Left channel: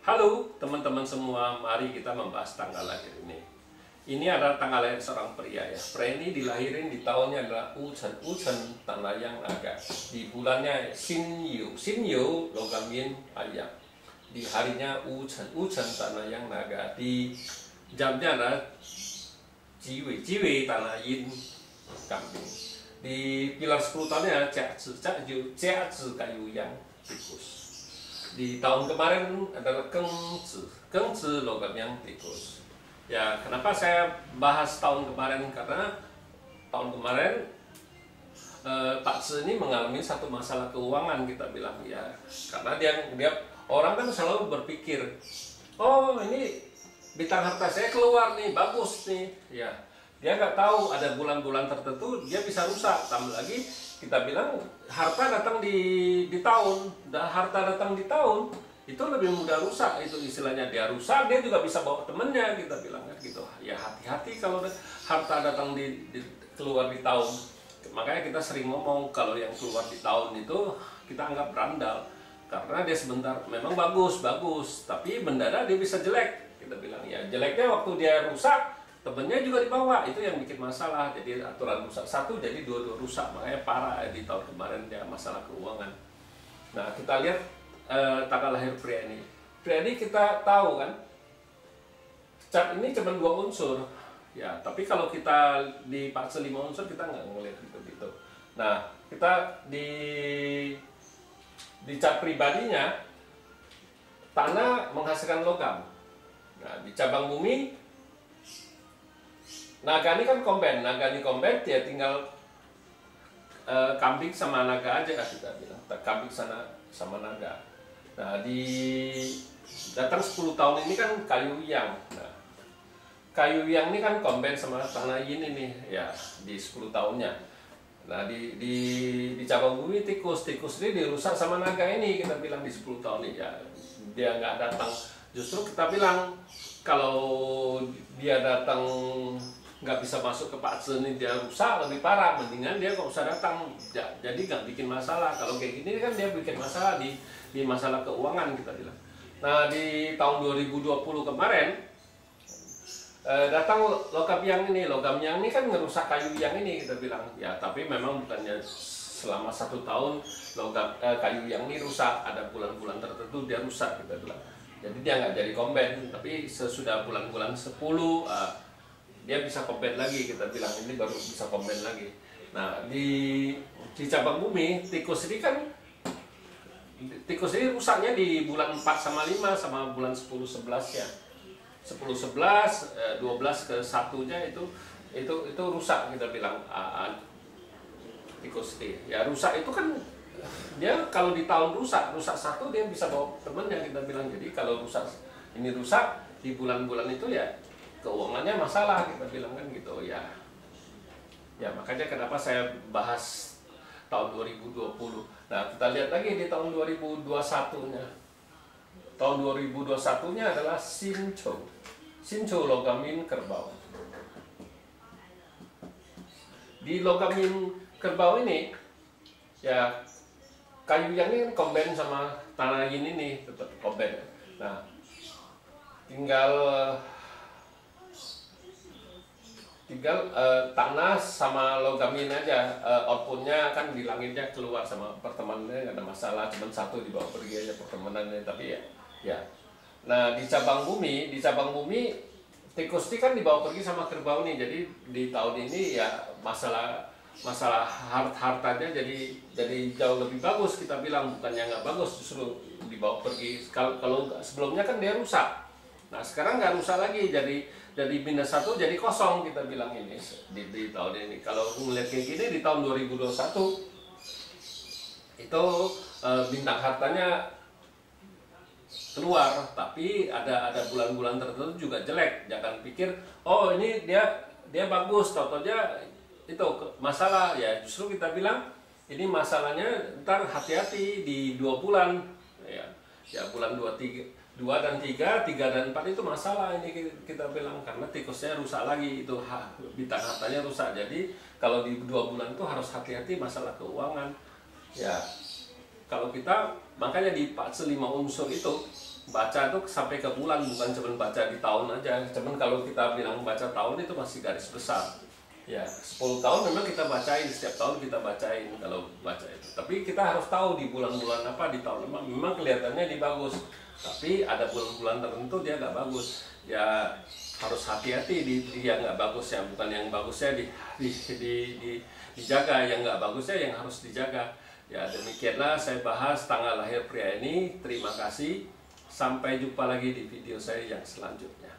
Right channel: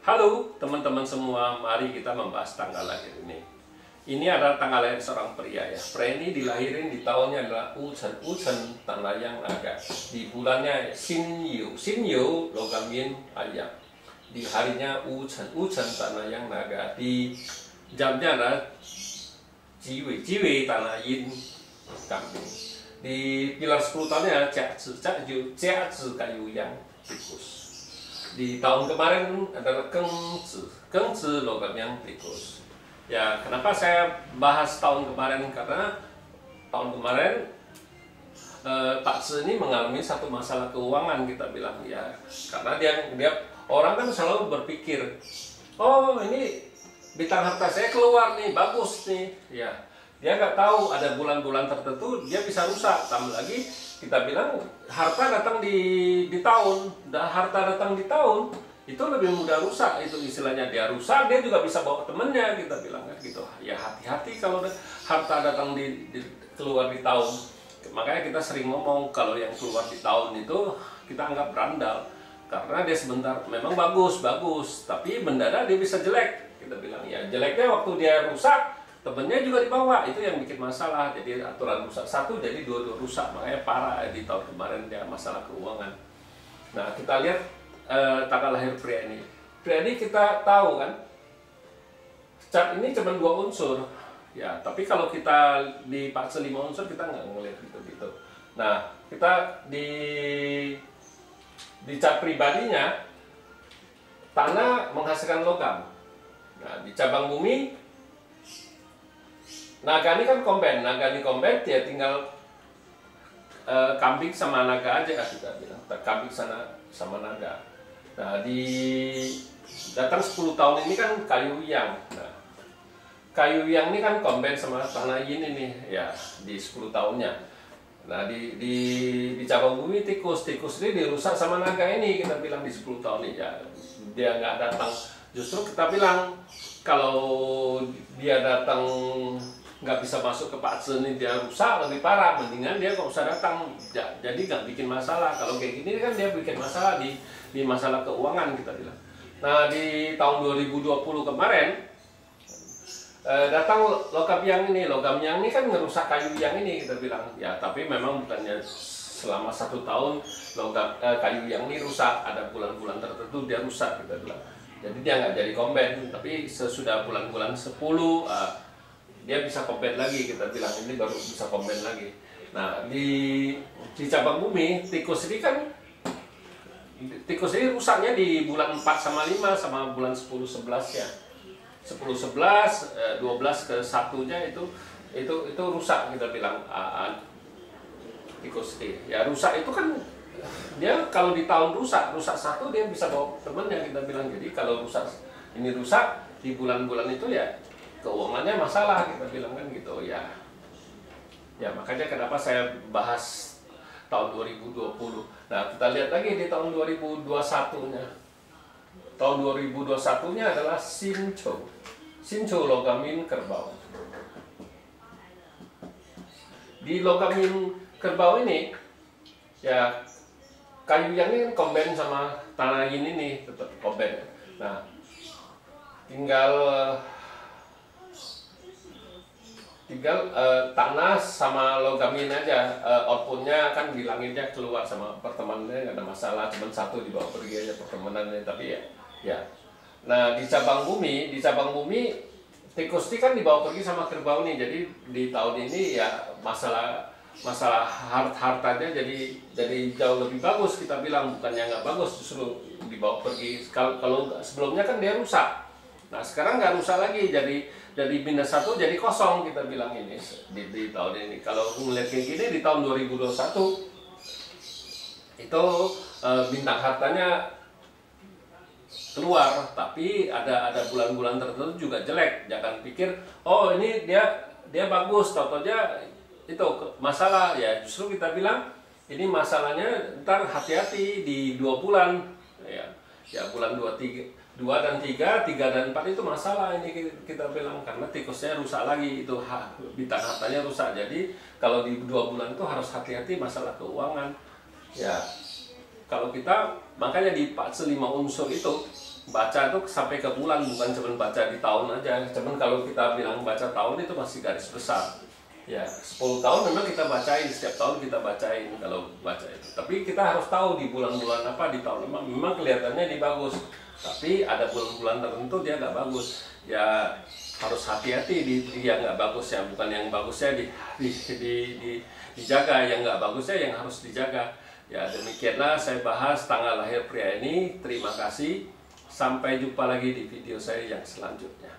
Halo teman-teman semua, mari kita membahas tanggal lahir ini. Ini adalah tanggal lahir seorang pria ya. Pria ini dilahirin di tahunnya adalah Uchen, Uchen tanah yang naga. Di bulannya Sinyu, Sinyu logam yin ayam. Di harinya Uchen, Uchen tanah yang naga. Di jamnya adalah Jiwi, Jiwi tanah yin kambing. Di pilar 10 tahunnya Jiazi, Jiazi kayu yang tikus. Di tahun kemarin adalah Gengzi, Gengzi logam yang tikus. Ya, kenapa saya bahas tahun kemarin? Karena tahun kemarin Pak Zi ini mengalami satu masalah keuangan, kita bilang ya. Karena dia orang kan selalu berpikir, oh ini bintang harta saya keluar nih, bagus nih. Ya, dia nggak tahu ada bulan-bulan tertentu dia bisa rusak. Tambah lagi kita bilang harta datang di tahun, dan harta datang di tahun itu lebih mudah rusak. Itu istilahnya dia rusak, dia juga bisa bawa temennya, kita bilang kan gitu. Ya hati-hati kalau harta datang keluar di tahun. Makanya kita sering ngomong kalau yang keluar di tahun itu kita anggap berandal, karena dia sebentar memang bagus, tapi mendadak dia bisa jelek. Kita bilang ya jeleknya waktu dia rusak, temennya juga dibawa, itu yang bikin masalah. Jadi aturan rusak satu, jadi dua-dua rusak. Makanya parah di tahun kemarin dia masalah keuangan. Nah, kita lihat tanggal lahir pria ini. Pria ini kita tahu kan, chart ini cuma 2 unsur. Ya, tapi kalau kita di fase 5 unsur kita nggak ngelihat gitu-gitu. Nah, kita di chart pribadinya, tanah menghasilkan logam. Nah, di cabang bumi, naga ini kan komben, naga ini komben, dia tinggal kambing sama naga aja, kita bilang kambing sana sama naga. Nah, di datang 10 tahun ini kan kayu yang. Nah, kayu yang ini kan komben sama tanah yin ini ya di 10 tahunnya. Nah, di cabang bumi tikus ini dirusak sama naga ini, kita bilang di 10 tahun ini ya dia nggak datang. Justru kita bilang kalau dia datang nggak bisa masuk ke Pak Zi ini, dia rusak lebih parah, mendingan dia nggak usah datang. Jadi nggak bikin masalah. Kalau kayak gini kan dia bikin masalah di masalah keuangan, kita bilang. Nah, di tahun 2020 kemarin datang logam yang ini kan ngerusak kayu yang ini, kita bilang ya. Tapi memang bukannya selama 1 tahun logam kayu yang ini rusak, ada bulan-bulan tertentu dia rusak, kita bilang. Jadi dia nggak jadi komben, tapi sesudah bulan-bulan 10 dia bisa komben lagi, kita bilang ini baru bisa komben lagi. Nah, di cabang bumi tikus ini kan, tikus ini rusaknya di bulan 4 sama 5 sama bulan 10 11 ya. 10 11 12 ke 1-nya itu rusak, kita bilang tikus ini. Ya rusak itu kan dia kalau di tahun rusak satu dia bisa bawa temennya, kita bilang. Jadi kalau rusak di bulan-bulan itu ya keuangannya masalah, kita bilang kan gitu ya. Ya makanya kenapa saya bahas tahun 2020. Nah, kita lihat lagi di tahun 2021-nya. Tahun 2021-nya adalah Sincho. Sincho logam yin kerbau. Di logam yin kerbau ini ya kayu yang ini komben sama tanah yin ini tetap komben. Nah, tinggal tanah sama logam yin aja, outputnya kan di langitnya keluar sama pertemanannya nggak ada masalah, cuma satu dibawa pergi aja pertemanannya. Tapi ya. Nah, di cabang bumi tikus ini kan dibawa pergi sama kerbau nih. Jadi di tahun ini ya masalah hartanya jadi jauh lebih bagus, kita bilang. Bukannya nggak bagus, justru dibawa pergi. Kalau sebelumnya kan dia rusak. Nah, sekarang nggak rusak lagi, jadi minus 1 jadi kosong, kita bilang ini di tahun ini. Kalau melihat kayak gini di tahun 2021 itu bintang hartanya keluar, tapi ada bulan-bulan tertentu juga jelek. Jangan pikir oh ini dia bagus, tau-taunya itu masalah. Ya justru kita bilang ini masalahnya ntar hati-hati di 2 bulan ya bulan 2 dan 3 dan 4 itu masalah ini, kita bilang. Karena tikusnya rusak lagi, itu bintang hartanya rusak. Jadi kalau di 2 bulan itu harus hati-hati masalah keuangan ya. Kalau kita makanya di fase 5 unsur itu baca itu sampai ke bulan, bukan cuma baca di tahun aja. Cuman kalau kita bilang baca tahun itu masih garis besar. Ya, 10 tahun memang kita bacain, setiap tahun kita bacain kalau baca itu. Tapi kita harus tahu di bulan-bulan apa, di tahun apa, memang kelihatannya di bagus. Tapi ada bulan-bulan tertentu dia nggak bagus. Ya harus hati-hati di yang nggak bagusnya, bukan yang bagusnya dijaga, yang nggak bagusnya yang harus dijaga. Ya demikianlah saya bahas tanggal lahir pria ini. Terima kasih. Sampai jumpa lagi di video saya yang selanjutnya.